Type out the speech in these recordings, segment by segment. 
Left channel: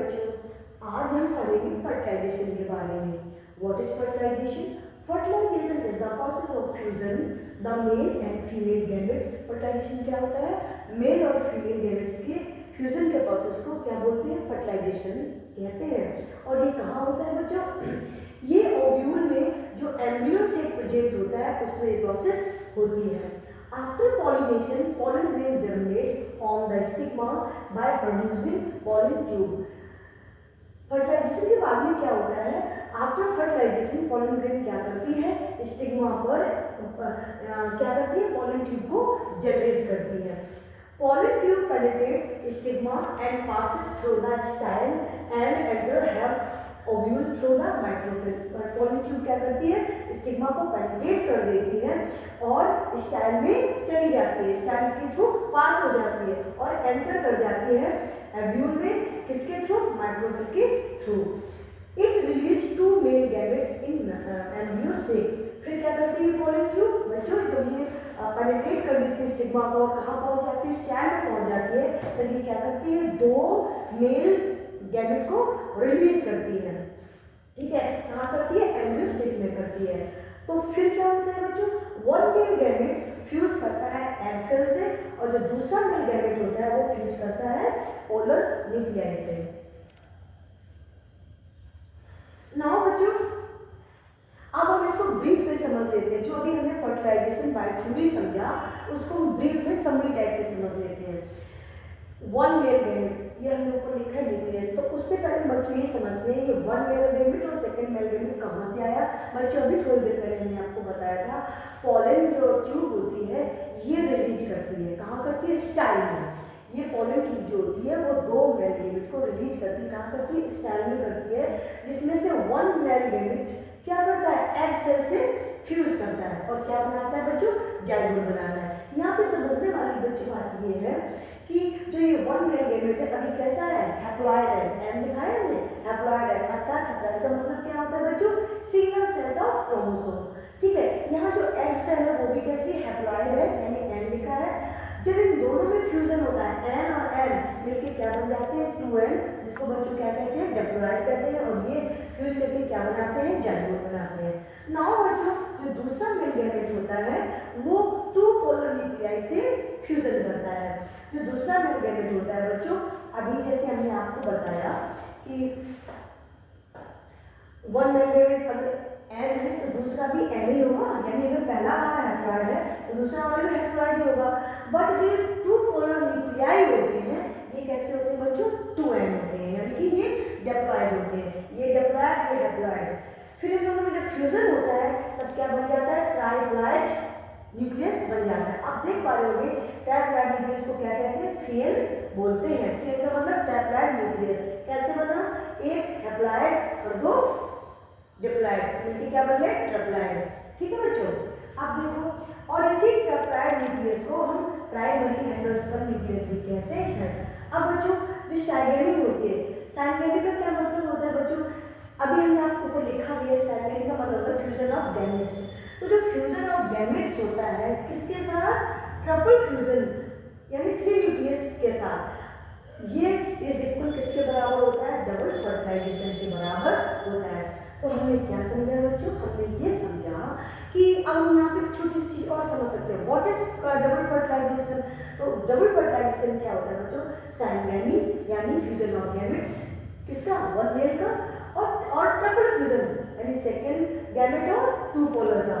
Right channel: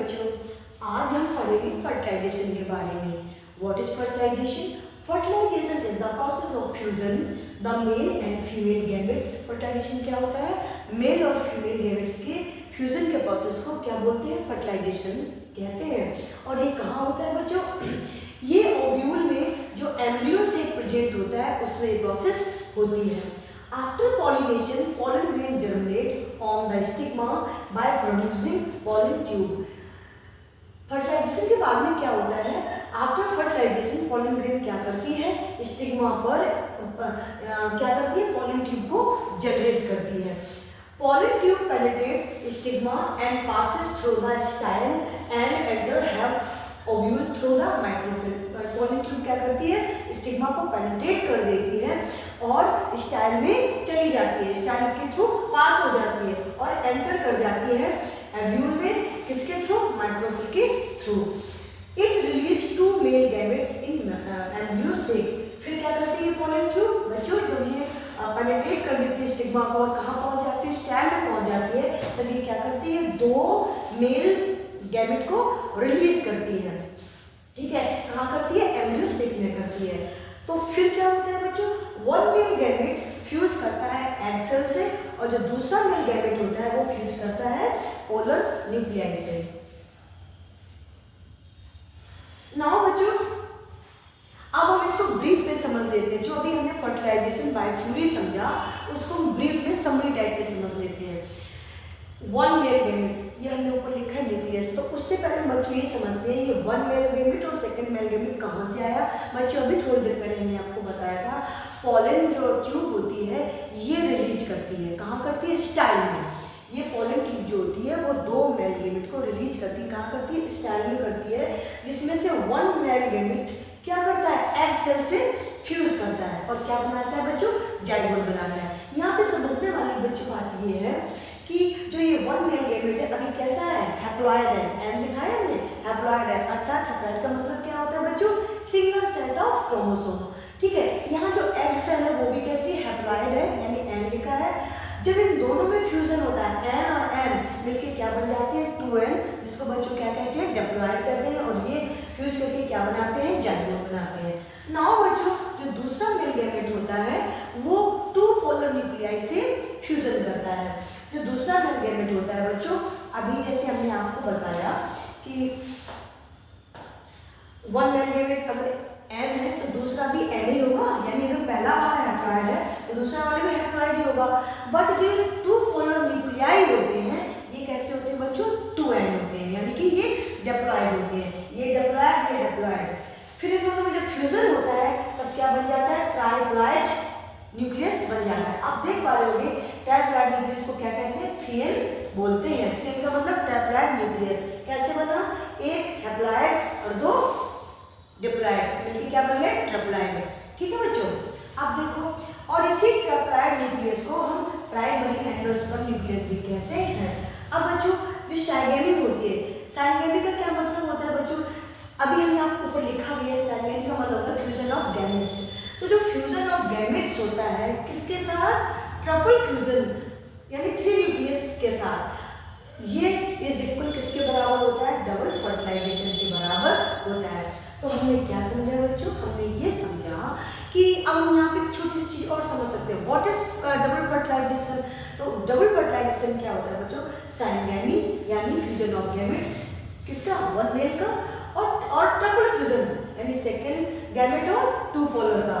बच्चों, आज हम पढ़ेंगे फर्टिलाइजेशन के बारे में। What is fertilization? Fertilization is the process of fusion the male and female gametes. Fertilization क्या होता है? मेल और फीमेल गैमेट्स के फ्यूजन के प्रोसेस को क्या बोलते हैं? फर्टिलाइजेशन कहते हैं। और ये कहाँ होता है बच्चों? ये ओव्यूल में जो एम्ब्रियो से प्रेजेंट होता है उसमें ये प्रोसेस होती है। After pollination, pollen grain germinate on the stigma by producing pollen tube. Fertilization के बाद में क्या होता है? आफ्टर फर्टिलाइजेशन पॉलन ग्रेन क्या करती है? स्टिग्मा पर क्या करती है? पॉलन ट्यूब को जनरेट करती है। Pollen tube penetrate stigma and passes through the style and enter have ovule through the micropyle. Pollen tube क्या करती है? स्टिग्मा को पेनिट्रेट कर देती है और स्टाइल में चली जाती है, स्टाइल के थ्रू पास हो जाती है और एंटर कर जाती है ओव्यूल में। किसके थ्रू? माइक्रोफिल के through. It release to male gametes in embryo से। फिर क्या करती है पॉलन ट्यूब बच्चों? जब ये पेनिट्रेट कर देती है स्टिग्मा को और कहाँ पहुंच जाती है? स्टाइल में पहुंच जाती है। तब ये क्या करती है? दो मेल गैमेट को रिलीज करती है। ठीक है, कहाँ करती है? एम्ब्रियो सेक में करती है। तो फिर क्या होता है बच्चों? वन मेल गैमेट फ्यूज करता है एग सेल से और जो दूसरा मेल गैमेट होता है वो फ्यूज करता है पोलर न्यूक्लियाई से। नाउ बच्चों, अब हम इसको ब्रीफ में समझ लेते हैं। जो अभी हमने फर्टिलाइजेशन बाय क्यूरी समझा उसको हम ब्रीफ में समरी टाइप में समझ लेते हैं। वन मेल गैमेट, ये हमने ऊपर लिखा है न्यूक्लियस। तो उससे पहले बच्चों ये समझते हैं ये वन मेल गैमेट और सेकंड मेल गैमेट कहाँ से आया। बच्चों अभी थोड़ी देर पहले हमने आपको बताया था पॉलन जो ट्यूब होती है ये रिलीज करती है। कहाँ करती है? स्टाइल में। ये पॉलन ट्यूब जो होती है वो दो मेल गैमेट को रिलीज करती है। कहाँ करती है? स्टाइल में करती है, जिसमें से वन मेल गैमेट क्या करता है? एग सेल से फ्यूज करता है और क्या बनाता है बच्चों? जाइगोट बनाता है। यहाँ पे समझने वाली बच्चों बात ये है कि जो ये वन मेल गैमेट है अभी कैसा है? हैप्लॉइड है। एन लिखा है हमने, हैप्लॉइड है। अर्थात हैप्लॉइड का मतलब क्या होता है बच्चों? Single set of chromosome. ठीक है, यहाँ जो एग सेल है वो भी कैसी? हैप्लॉइड है, यानी एन लिखा है। जब इन दोनों में फ्यूजन होता है एन और एन मिलके क्या बन जाते हैं? 2n, जिसको बच्चों क्या कहते हैं? डिप्लॉइड कहते हैं। और ये फ्यूज करके क्या बनाते हैं? जाइगोट बनाते हैं। नाउ बच्चों, जो दूसरा मेल गैमेट होता है वो टू पोलर न्यूक्लियाई से फ्यूजन करता है। जो दूसरा मेल गैमेट होता है बच्चों, अभी जैसे हमने आपको बताया कि वन मेल गैमेट अगर एन है तो दूसरा भी एन ही होगा, यानी अगर पहला वाला हैप्लॉइड है तो दूसरा वाले में हैप्लॉइड ही होगा। बट जो टू पोलर न्यूक्लियाई होते हैं ये कैसे होते हैं बच्चों? 2n होते हैं, यानी कि ये डिप्लॉइड होते हैं। ये डिप्लॉइड, ये हैप्लॉइड। फिर इन दोनों में जब फ्यूजन होता है तब क्या बन जाता है? ट्राइप्लॉइड न्यूक्लियस बन जाता है। आप देख पा रहे होंगे ट्राइप्लॉइड न्यूक्लियस को क्या कहते हैं? 3n बोलते हैं। 3n का मतलब ट्राइप्लॉइड न्यूक्लियस। कैसे बना? एक हैप्लॉइड और दो डिप्लॉइड मिलके क्या बन गए? ट्रिप्लॉइड। ठीक है बच्चों, अब देखो, और इसी ट्रिप्लॉइड न्यूक्लियस को हम प्राइमरी एंडोस्पर्म न्यूक्लियस भी कहते हैं। अब बच्चों, जो साइगेमी होती है, साइगेमी का क्या मतलब होता है बच्चों? अभी हमने आपको ऊपर लिखा भी है, साइगेमी का मतलब होता है फ्यूजन ऑफ गैमेट्स। तो जो फ्यूजन ऑफ गैमेट्स होता है किसके साथ? ट्रिपल फ्यूजन, यानी 3 न्यूक्लियस के साथ। ये इज इक्वल किसके बराबर होता है? डबल फर्टिलाइजेशन के बराबर होता है। तो हमने क्या समझा बच्चों? हमने ये समझा कि अब हम यहाँ पे छोटी सी चीज और समझ सकते हैं। What is double fertilization? तो डबल फर्टिलाइजेशन क्या होता है बच्चों? साइगेमी यानी फ्यूजन ऑफ गैमेट्स किसका? वन मेल का, और ट्रिपल फ्यूजन यानी सेकंड गैमेट और टू पोलर का,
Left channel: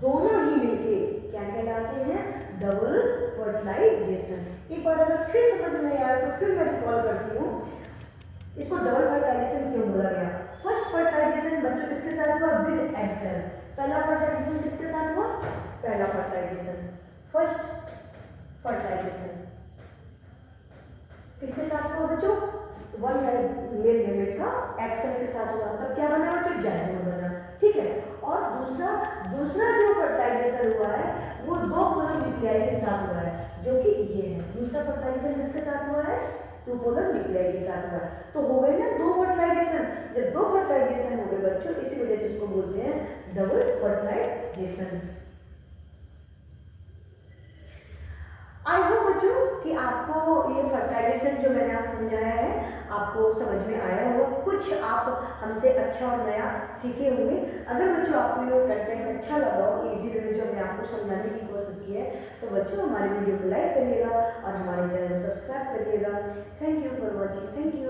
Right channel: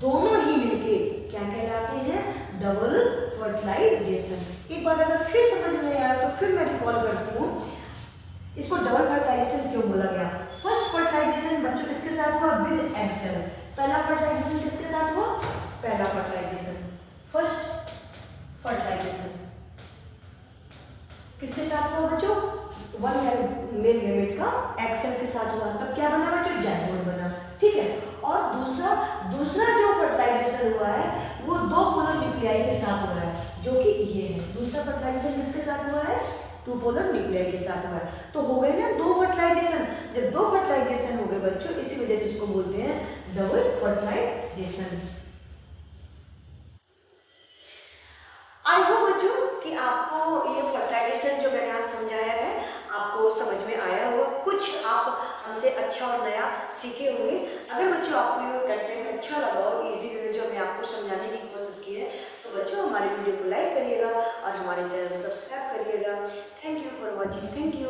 दोनों ही मिलके क्या कहलाते हैं? Double fertilization. एक बार अगर फिर समझ में आया तो फिर मैं रिकॉल करती हूँ इसको डबल फर्टिलाइजेशन क्यों बोला गया। फर्स्ट फर्टिलाइजेशन बच्चों किसके साथ हुआ? With egg cell. पहला फर्टिलाइजेशन किसके साथ हुआ? पहला फर्टिलाइजेशन, फर्स्ट फर्टिलाइजेशन किसके साथ हुआ बच्चों? वन मेल गैमेट का एग सेल के साथ हुआ। तब क्या बना बच्चों? जाइगोट बना। ठीक है, और दूसरा जो फर्टिलाइजेशन हुआ है वो दो पोलर न्यूक्लियाई के साथ हुआ है, जो कि ये है। दूसरा फर्टिलाइजेशन किसके साथ हुआ है? टू पोलर न्यूक्लियाई के साथ हुआ। तो हो गए ना दो फर्टिलाइजेशन। जब दो फर्टिलाइजेशन हो गए बच्चों, इसी वजह से इसको बोलते हैं डबल फर्टिलाइजेशन। आई होप बच्चों कि आपको ये फर्टिलाइजेशन जो मैंने आज समझाया है आपको समझ में अच्छा और नया सीखे होंगे। अगर बच्चों आपको ये कंटेंट अच्छा लगा और इजी वे में जो हमने आपको समझाने की कोशिश की है, तो बच्चों हमारे वीडियो को लाइक करिएगा और हमारे चैनल को सब्सक्राइब करिएगा। Thank you for watching. Thank you.